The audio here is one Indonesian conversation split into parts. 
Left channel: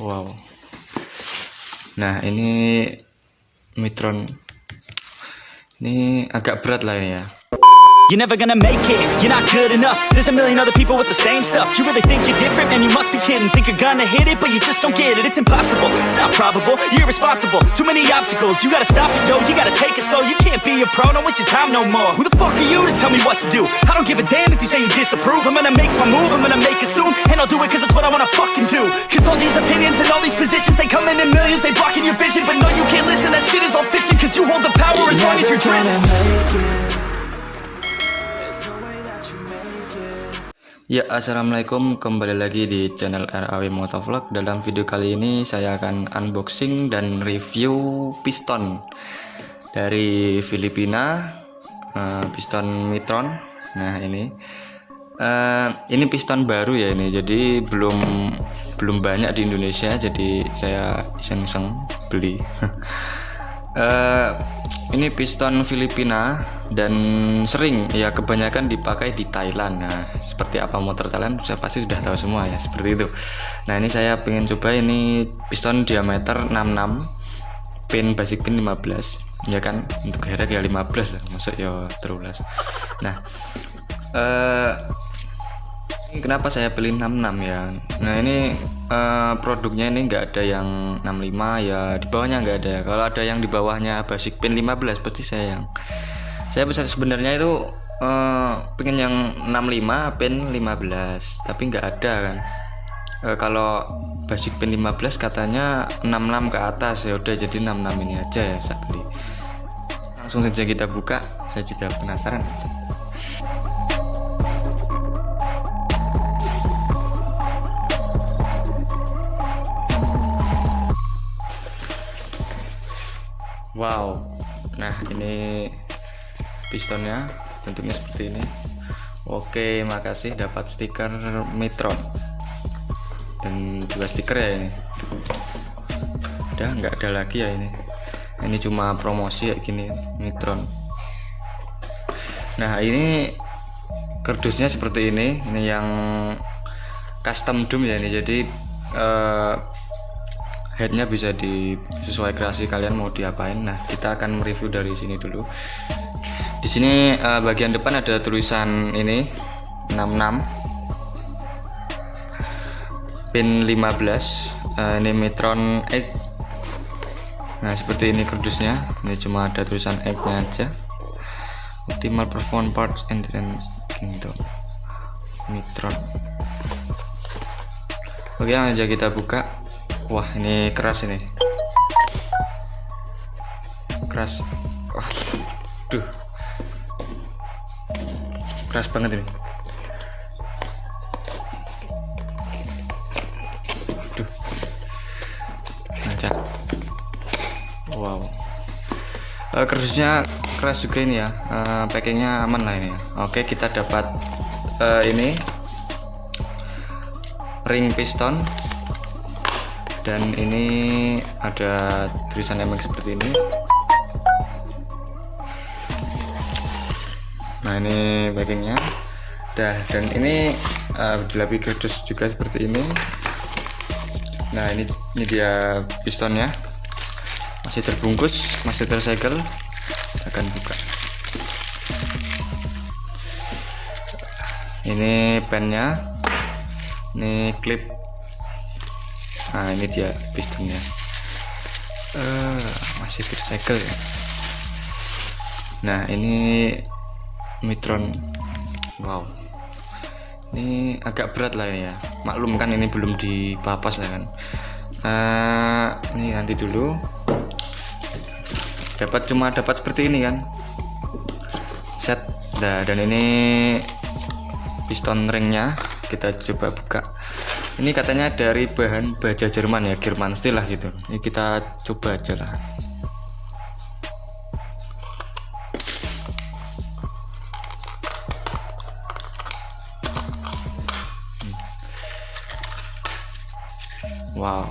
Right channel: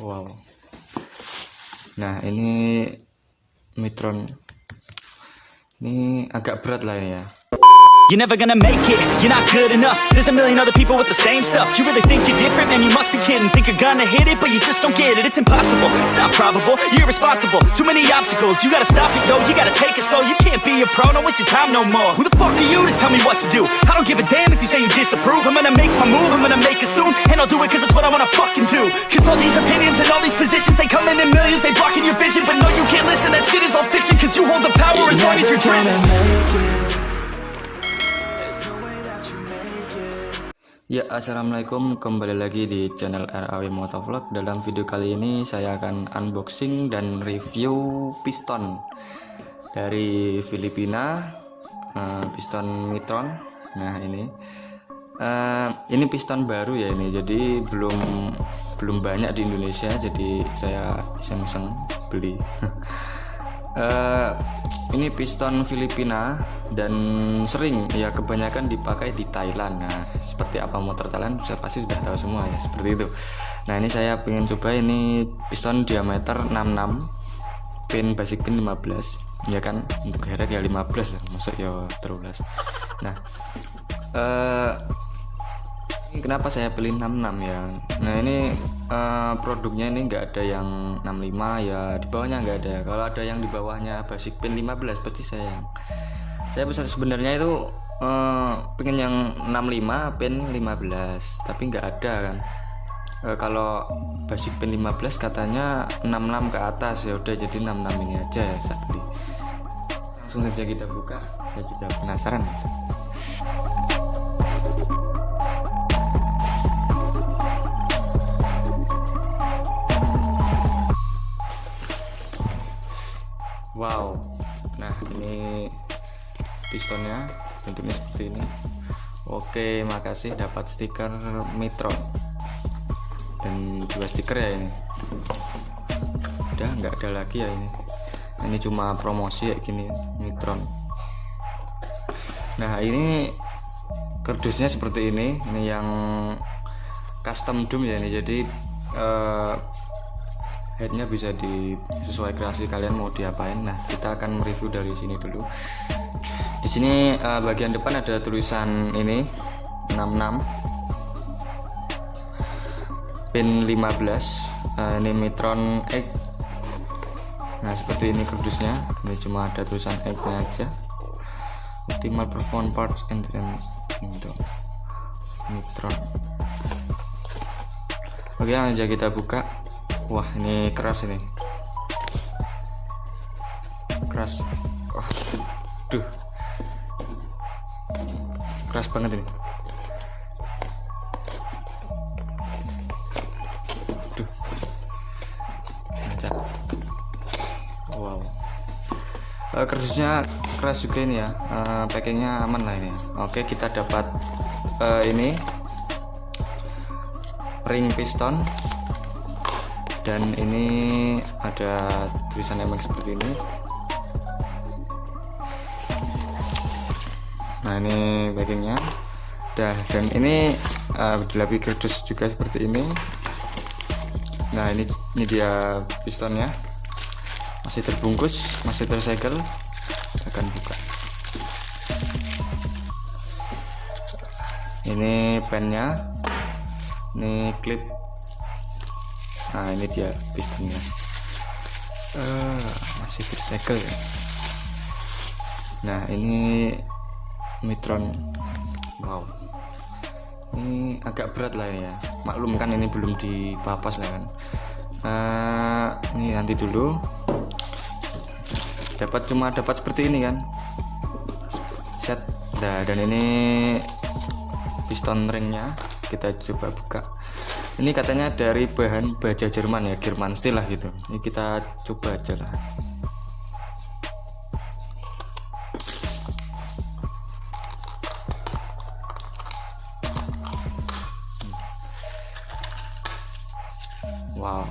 Wow. Nah, ini Mitron. Ini agak berat lah ini ya. You're never gonna make it, you're not good enough. There's a million other people with the same stuff. You really think you're different? Man, you must be kidding. Think you're gonna hit it, but you just don't get it. It's impossible, it's not probable, you're irresponsible. Too many obstacles, you gotta stop it, yo. You gotta take it slow, you can't be a pro. Don't waste your time no more. Who the fuck are you to tell me what to do? I don't give a damn if you say you disapprove. I'm gonna make my move, I'm gonna make it soon. And I'll do it cause it's what I wanna fucking do. Cause all these opinions and all these positions, they come in millions, they blocking your vision. But no, you can't listen, that shit is all fiction. Cause you hold the power as long as you're dreaming. Ya, assalamualaikum, kembali lagi di channel RAW Motovlog. Dalam video kali ini saya akan unboxing dan review piston dari Filipina, piston Mitron. Nah, ini piston baru ya ini, jadi belum banyak di Indonesia, jadi saya iseng-iseng beli. Ini piston Filipina dan sering ya kebanyakan dipakai di Thailand. Nah, seperti apa motor Thailand saya pasti sudah tahu semua ya, seperti itu. Nah, ini saya pengen coba ini piston diameter 66, pin basic pin 15 ya kan, untuk herek ya 15 lah, maksud ya 13. Nah, kenapa saya pilih 66 ya? Nah, ini produknya ini enggak ada yang 65 ya, di bawahnya enggak ada. Kalau ada yang di bawahnya basic pin 15 pasti saya bisa sebenarnya itu pengen yang 65 pin 15, tapi enggak ada kan. Kalau basic pin 15 katanya 66 ke atas, ya udah jadi 66 ini aja ya saya beli. Langsung saja kita buka, saya juga penasaran. Wow, nah ini pistonnya bentuknya seperti ini. Oke, makasih dapat stiker Mitron dan juga stiker ya ini. Udah nggak ada lagi ya ini cuma promosi ya gini Mitron. Nah, ini kardusnya seperti ini yang custom dome ya ini, jadi headnya bisa sesuai kreasi kalian mau diapain. Nah, kita akan mereview dari sini dulu. Di sini bagian depan ada tulisan ini 66 pin 15, ini Mitron X. Nah, seperti ini kardusnya. Ini cuma ada tulisan X-nya aja. Optimal performance parts endurance gitu. Mitron. Oke, langsung aja kita buka. Wah, ini keras ini. Keras. Wah, duh. Keras banget ini. Duh. Lancar. Wow. Kardusnya keras juga ini ya. Packingnya aman lah ini. Oke, kita dapat ini ring piston. Dan ini ada tulisan MX seperti ini. Nah, ini bagiannya. Dan ini dilapisi kardus juga seperti ini. Nah, ini dia pistonnya. Masih terbungkus, masih tersegel. Akan buka. Ini pennya. Ini klip. Nah, ini dia pistonnya. Masih tersegel ya. Nah, ini Mitron. Wow, ini agak berat lah ini ya, maklum kan ini belum dipapas lah kan. Ini ganti dulu. Cuma dapat seperti ini kan set. Nah, dan ini piston ringnya kita coba buka. Ini katanya dari bahan baja Jerman ya, German steel lah gitu. Ini kita coba aja lah. Wow,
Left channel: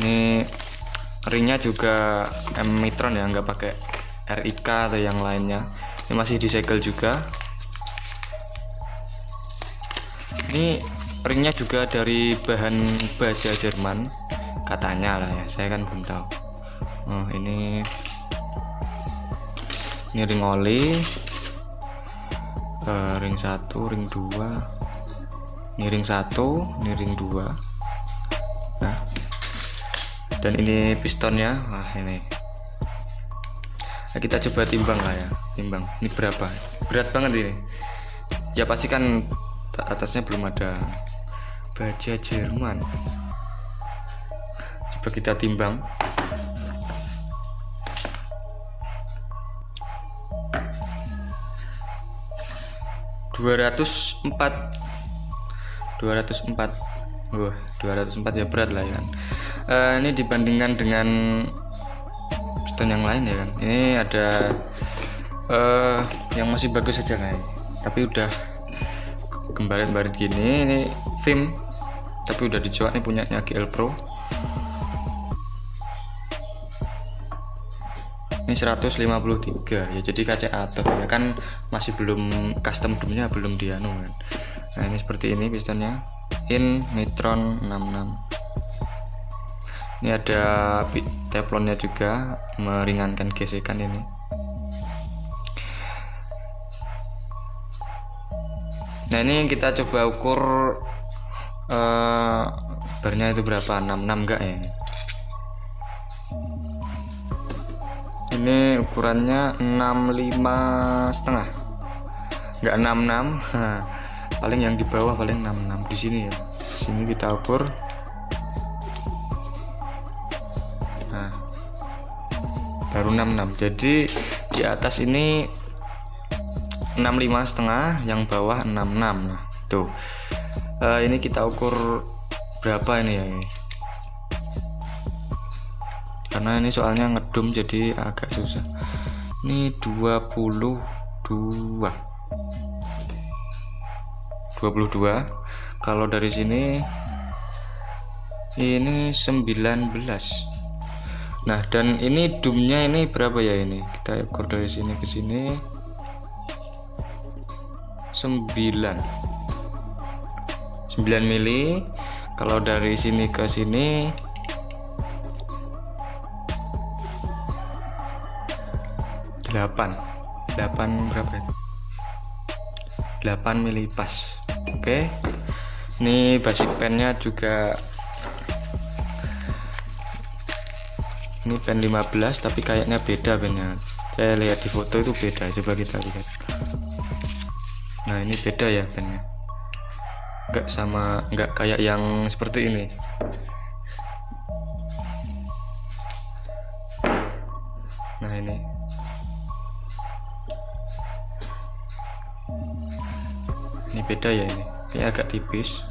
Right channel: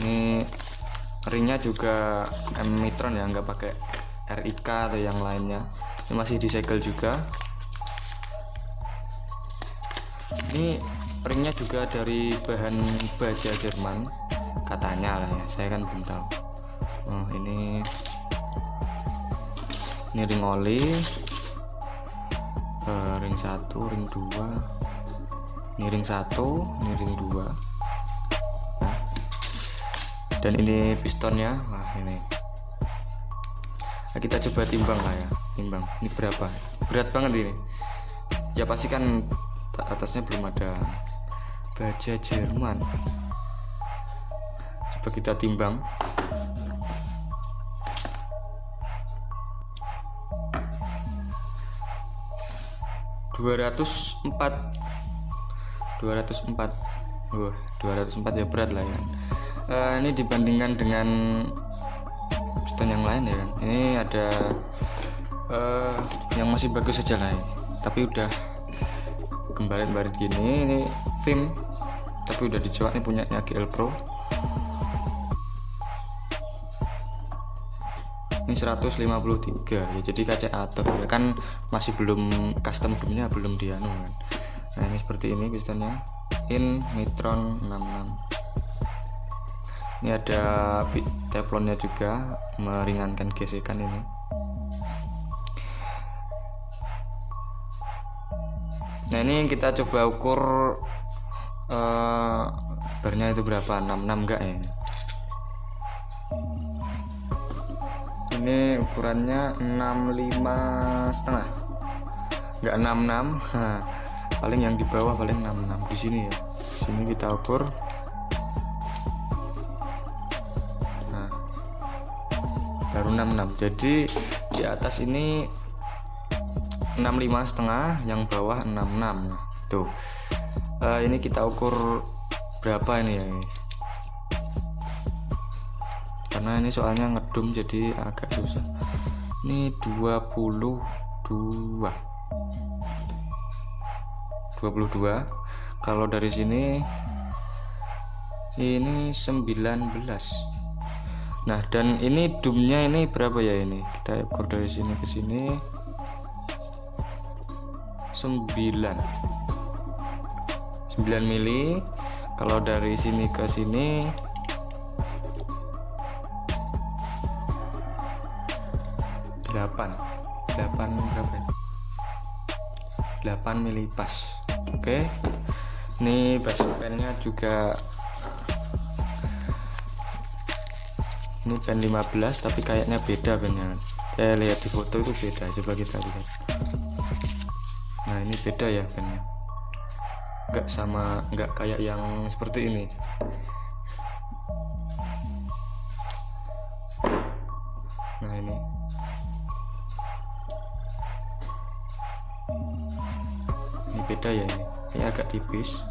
ini ringnya juga Mitron ya, nggak pakai RIK atau yang lainnya. Ini masih disegel juga. Ini springnya juga dari bahan baja Jerman katanya lah ya, saya kan belum tahu. Oh ini ring oli, ring 1, ring 2, ini ring 1, ini ring 2. Nah, dan ini pistonnya. Nah ini, nah, kita coba timbang lah ya, timbang ini berapa, berat banget ini ya, pasti kan atasnya belum ada baja Jerman. Coba kita timbang. Wah, 204 ya, berat lah ya. Ini dibandingkan dengan piston yang lain ya kan. Ini ada yang masih bagus saja lah ya. Tapi udah kembarit-barit gini. Ini film tapi udah dicoak, nih punyanya GL Pro. Ini 153 ya, jadi kaca atur ya kan, masih belum custom dumnya, belum dianu. Nah ini seperti ini pistonnya, in Nitron 66. Ini ada teflonnya juga, meringankan gesekan ini. Nah ini kita coba ukur barnya itu berapa, 66 enggak ya. Ini ukurannya 65,5, enggak 66. Paling yang di bawah paling 66 di sini ya. Sini kita ukur. Nah, baru 66. Jadi di atas ini 65,5, yang bawah 66. Nah, tuh. Ini kita ukur berapa ini ya ini. Karena ini soalnya ngedum jadi agak susah. Ini 22. Kalau dari sini ini 19. Nah, dan ini dumnya ini berapa ya ini? Kita ukur dari sini ke sini 9 mili. Kalau dari sini ke sini 8 berapa ya? 8 mili pas. Oke. Ini basic pennya juga, ini pen 15 tapi kayaknya beda pennya. Saya lihat di foto itu beda, coba kita lihat. Nah ini beda ya pennya, nggak kayak yang seperti ini. Nah ini beda ya, ini agak tipis.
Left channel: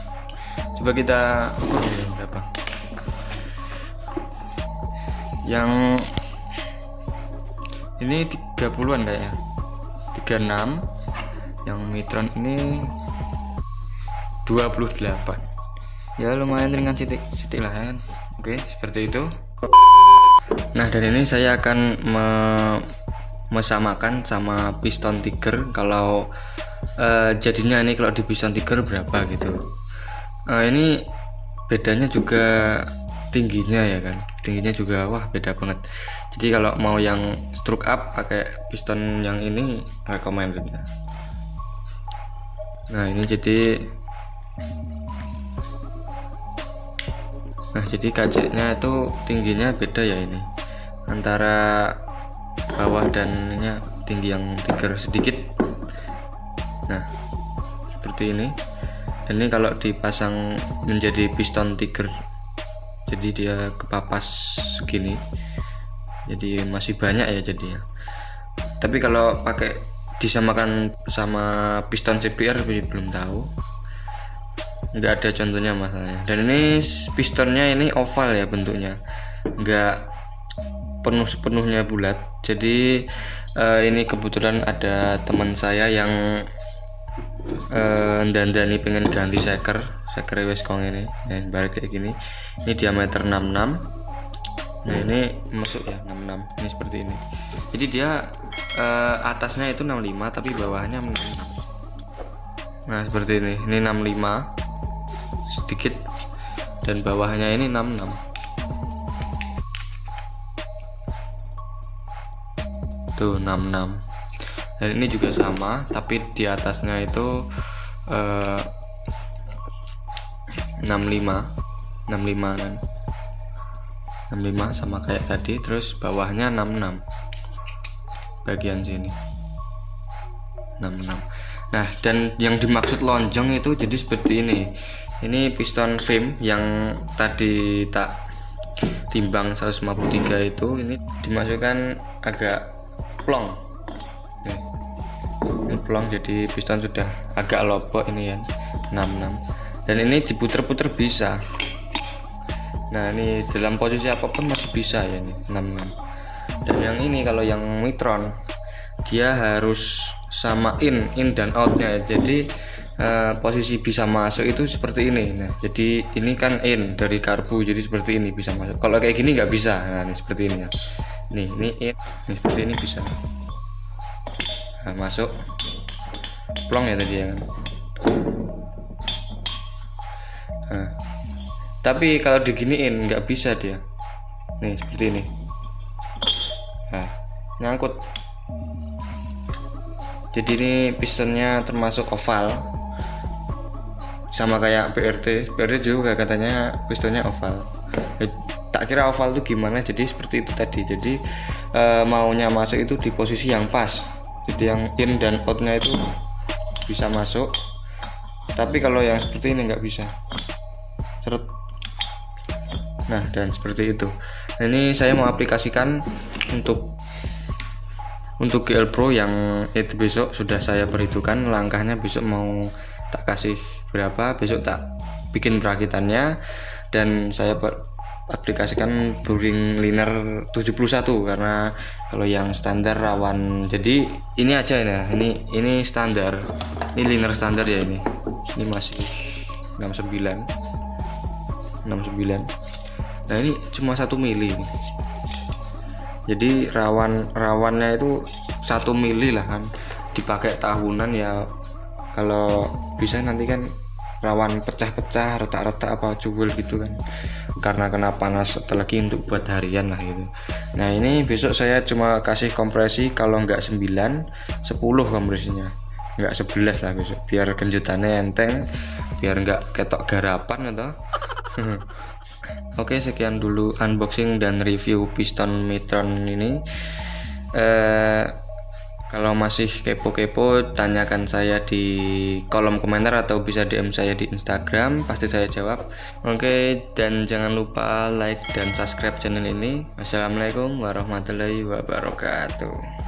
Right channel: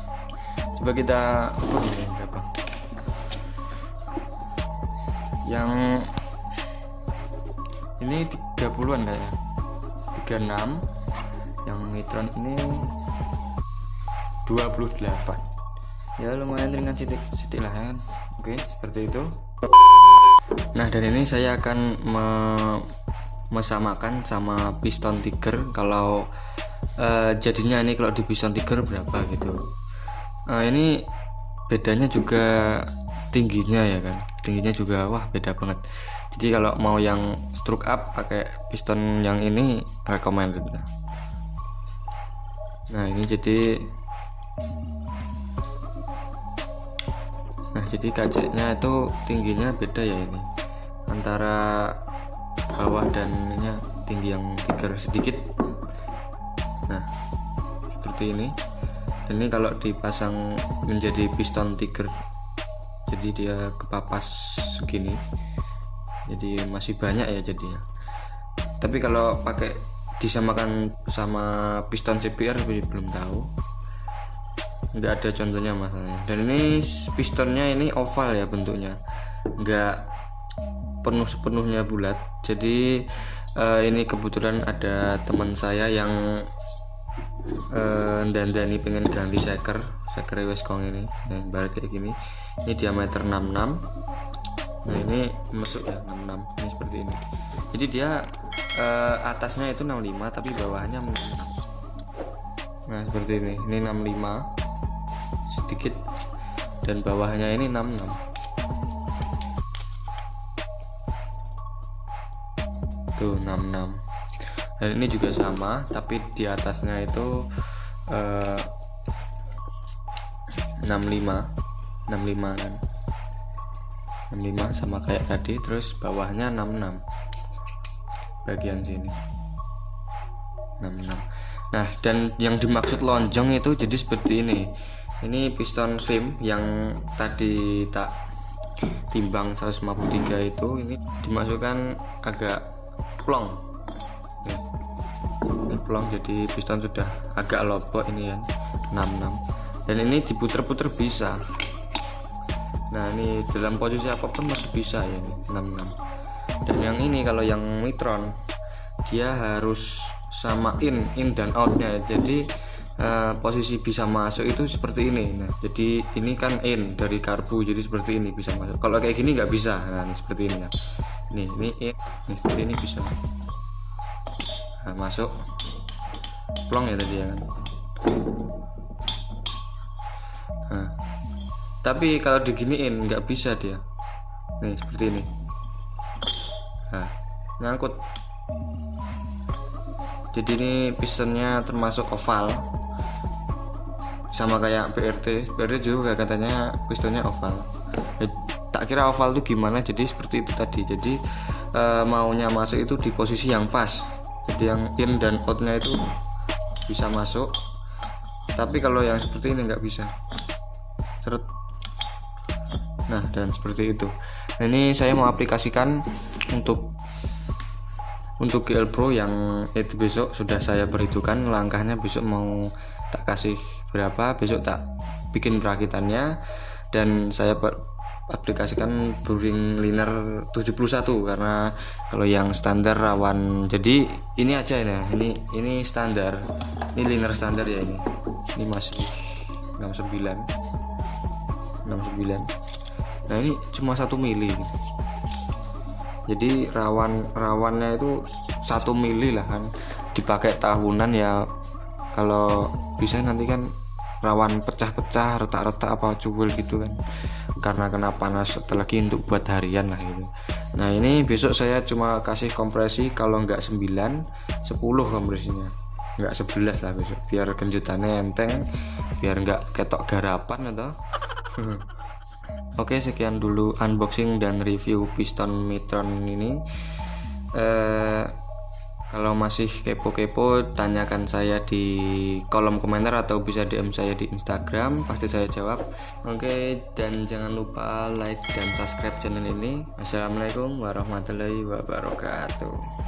Coba kita ukur ini berapa. Yang ini 30-an kayaknya, 36. Yang Nitron ini 28. Ya lumayan ringan sedikit lah kan. Oke, seperti itu. Nah, dari ini saya akan mesamakan sama piston Tiger. Kalau jadinya ini kalau di piston Tiger berapa gitu. Ini bedanya juga tingginya ya kan. Tingginya juga wah beda banget. Jadi kalau mau yang stroke up pakai piston yang ini recommended. Nah, ini jadi kacanya itu tingginya beda ya ini. Antara bawah dan ininya tinggi yang Tiger sedikit. Nah, seperti ini. Ini kalau dipasang menjadi piston Tiger, jadi dia kepapas segini, jadi masih banyak ya jadinya. Tapi kalau pakai disamakan sama piston CBR belum tahu, nggak ada contohnya masalahnya. Dan ini pistonnya ini oval ya bentuknya, nggak sepenuhnya bulat. Jadi ini kebetulan ada teman saya yang dandani pengen ganti shaker wes kong ini. Nah, balik kayak gini. Ini diameter 66. Nah, ini masuk ya 66. Ini seperti ini. Jadi dia atasnya itu 65 tapi bawahnya 66. Nah, seperti ini. Ini 65. sedikit, dan bawahnya ini 66. Tuh 66. Dan ini juga sama, tapi di atasnya itu 65 kan. 65 sama kayak tadi, terus bawahnya 66 bagian sini 66. Nah, dan yang dimaksud lonjong itu jadi seperti ini piston frame yang tadi tak timbang 153 itu, ini dimasukkan agak plong. Ini plong, jadi piston sudah agak lobok ini ya, 66. Dan ini diputer-puter bisa. Nah, ini dalam posisi apapun masih bisa ya, ini 66. Dan yang ini kalau yang Mitron dia harus sama in dan outnya, jadi posisi bisa masuk itu seperti ini. Nah, jadi ini kan in dari karbu, jadi seperti ini bisa masuk. Kalau kayak gini nggak bisa. Nah, ini seperti ini ya. Ini in, ini seperti ini bisa. Nah, masuk plong ya tadi ya. Nah, tapi kalau diginiin nggak bisa dia. Nih seperti ini. Nah, nyangkut. Jadi ini pistonnya termasuk oval, sama kayak BRT juga katanya pistonnya oval. Tak kira oval itu gimana, jadi seperti itu tadi. Jadi maunya masuk itu di posisi yang pas, jadi yang in dan outnya itu bisa masuk. Tapi kalau yang seperti ini nggak bisa. Seret. Nah, dan seperti itu. Nah, ini saya mau aplikasikan untuk GL Pro yang itu besok sudah saya perhitungkan langkahnya, besok mau tak kasih berapa, besok tak bikin perakitannya, dan saya aplikasikan Boring Liner 71 karena kalau yang standar rawan. Jadi ini aja ini standar, ini liner standar ya, ini masih 69. Nah, ini cuma 1 mili. Jadi rawannya itu 1 mili lah kan, dipakai tahunan ya. Kalau bisa nanti kan rawan pecah-pecah, retak-retak apa cuwil gitu kan, karena kena panas, apalagi untuk buat harian lah ini. Nah, ini besok saya cuma kasih kompresi kalau nggak 9, 10 kompresinya, nggak 11 lah besok, biar kejutannya enteng, biar nggak ketok garapan atau Oke, sekian dulu unboxing dan review piston Mitron ini. Kalau masih kepo-kepo, tanyakan saya di kolom komentar atau bisa DM saya di Instagram, pasti saya jawab. Oke, dan jangan lupa like dan subscribe channel ini. Wassalamualaikum warahmatullahi wabarakatuh.